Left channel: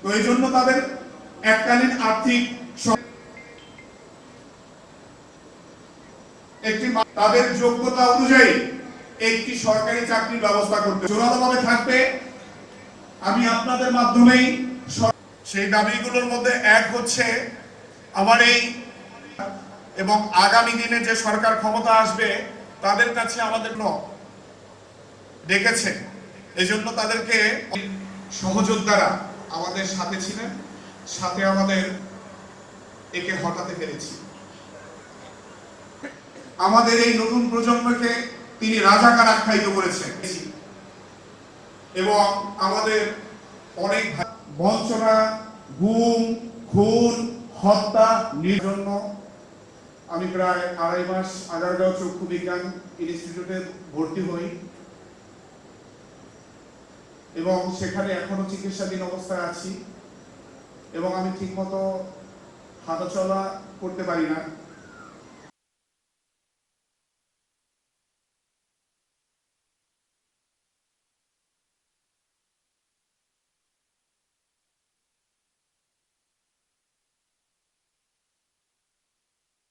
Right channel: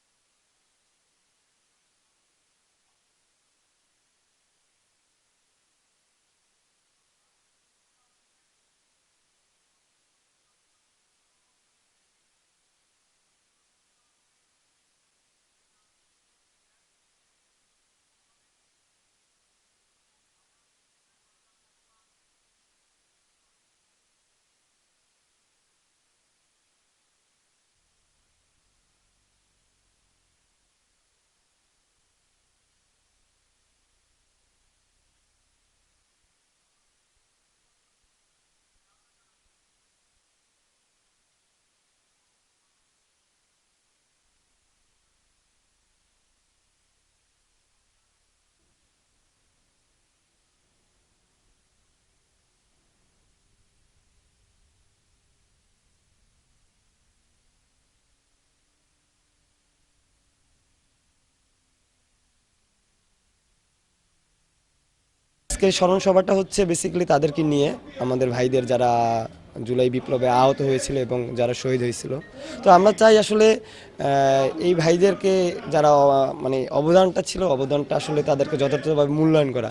তো এই জন্য তাদের এককালীন আর্থিক একটি তাদের যোগ্যতা অনুযায়ী একটি সরকারি চাকরির ব্যবস্থা করতে জোরালোভাবে থাকবে। আমি আপনাদের মাধ্যমেই সেই দাবিগুলোর মধ্যে এক হচ্ছে আমার এই এবং আগামী দিনে যে সরকার ক্ষমতা আসবে, তাদের কাছে আমাদের ন ডেকেছে। এই জন্য তাদেরকে সহযোদ্ধারা আমাদের সাথে ছিলেন, সাথে আমাদের একে হটাতে পেরেছি আমাদের এই নতুন প্রজন্মকে তিনি রাজাকার আখ্যায়িত করেছেন। এবং আমাদের অনেক বঞ্চনা, গুম, খুন, হত্যা জন্য আমি প্রায় আড়াই মাস, আগারগাঁও চক্ষু বিজ্ঞান ইনস্টিটিউটে ভর্তি হই। এবং সেখানে এখনও চিকিৎসাধীন অবস্থায় আছি। এবং আমি ঠিকমতো হাঁটাচলা করতে পারি না। আজকে স্মরণ সভাটা হচ্ছে বেসিক্যালি তাদেরকে নিয়ে, আমাদের ভাইদের যারা জুলাই বিপ্লবে আহত হয়েছিল এবং যারা শহীদ হয়েছিল। তো আমরা চাই আসলে এই ভাইদেরকে যারা মানে অবদানটা ছিল, অবদানটা আসলে তাদেরকে যথাযথভাবে মূল্যায়ন করা।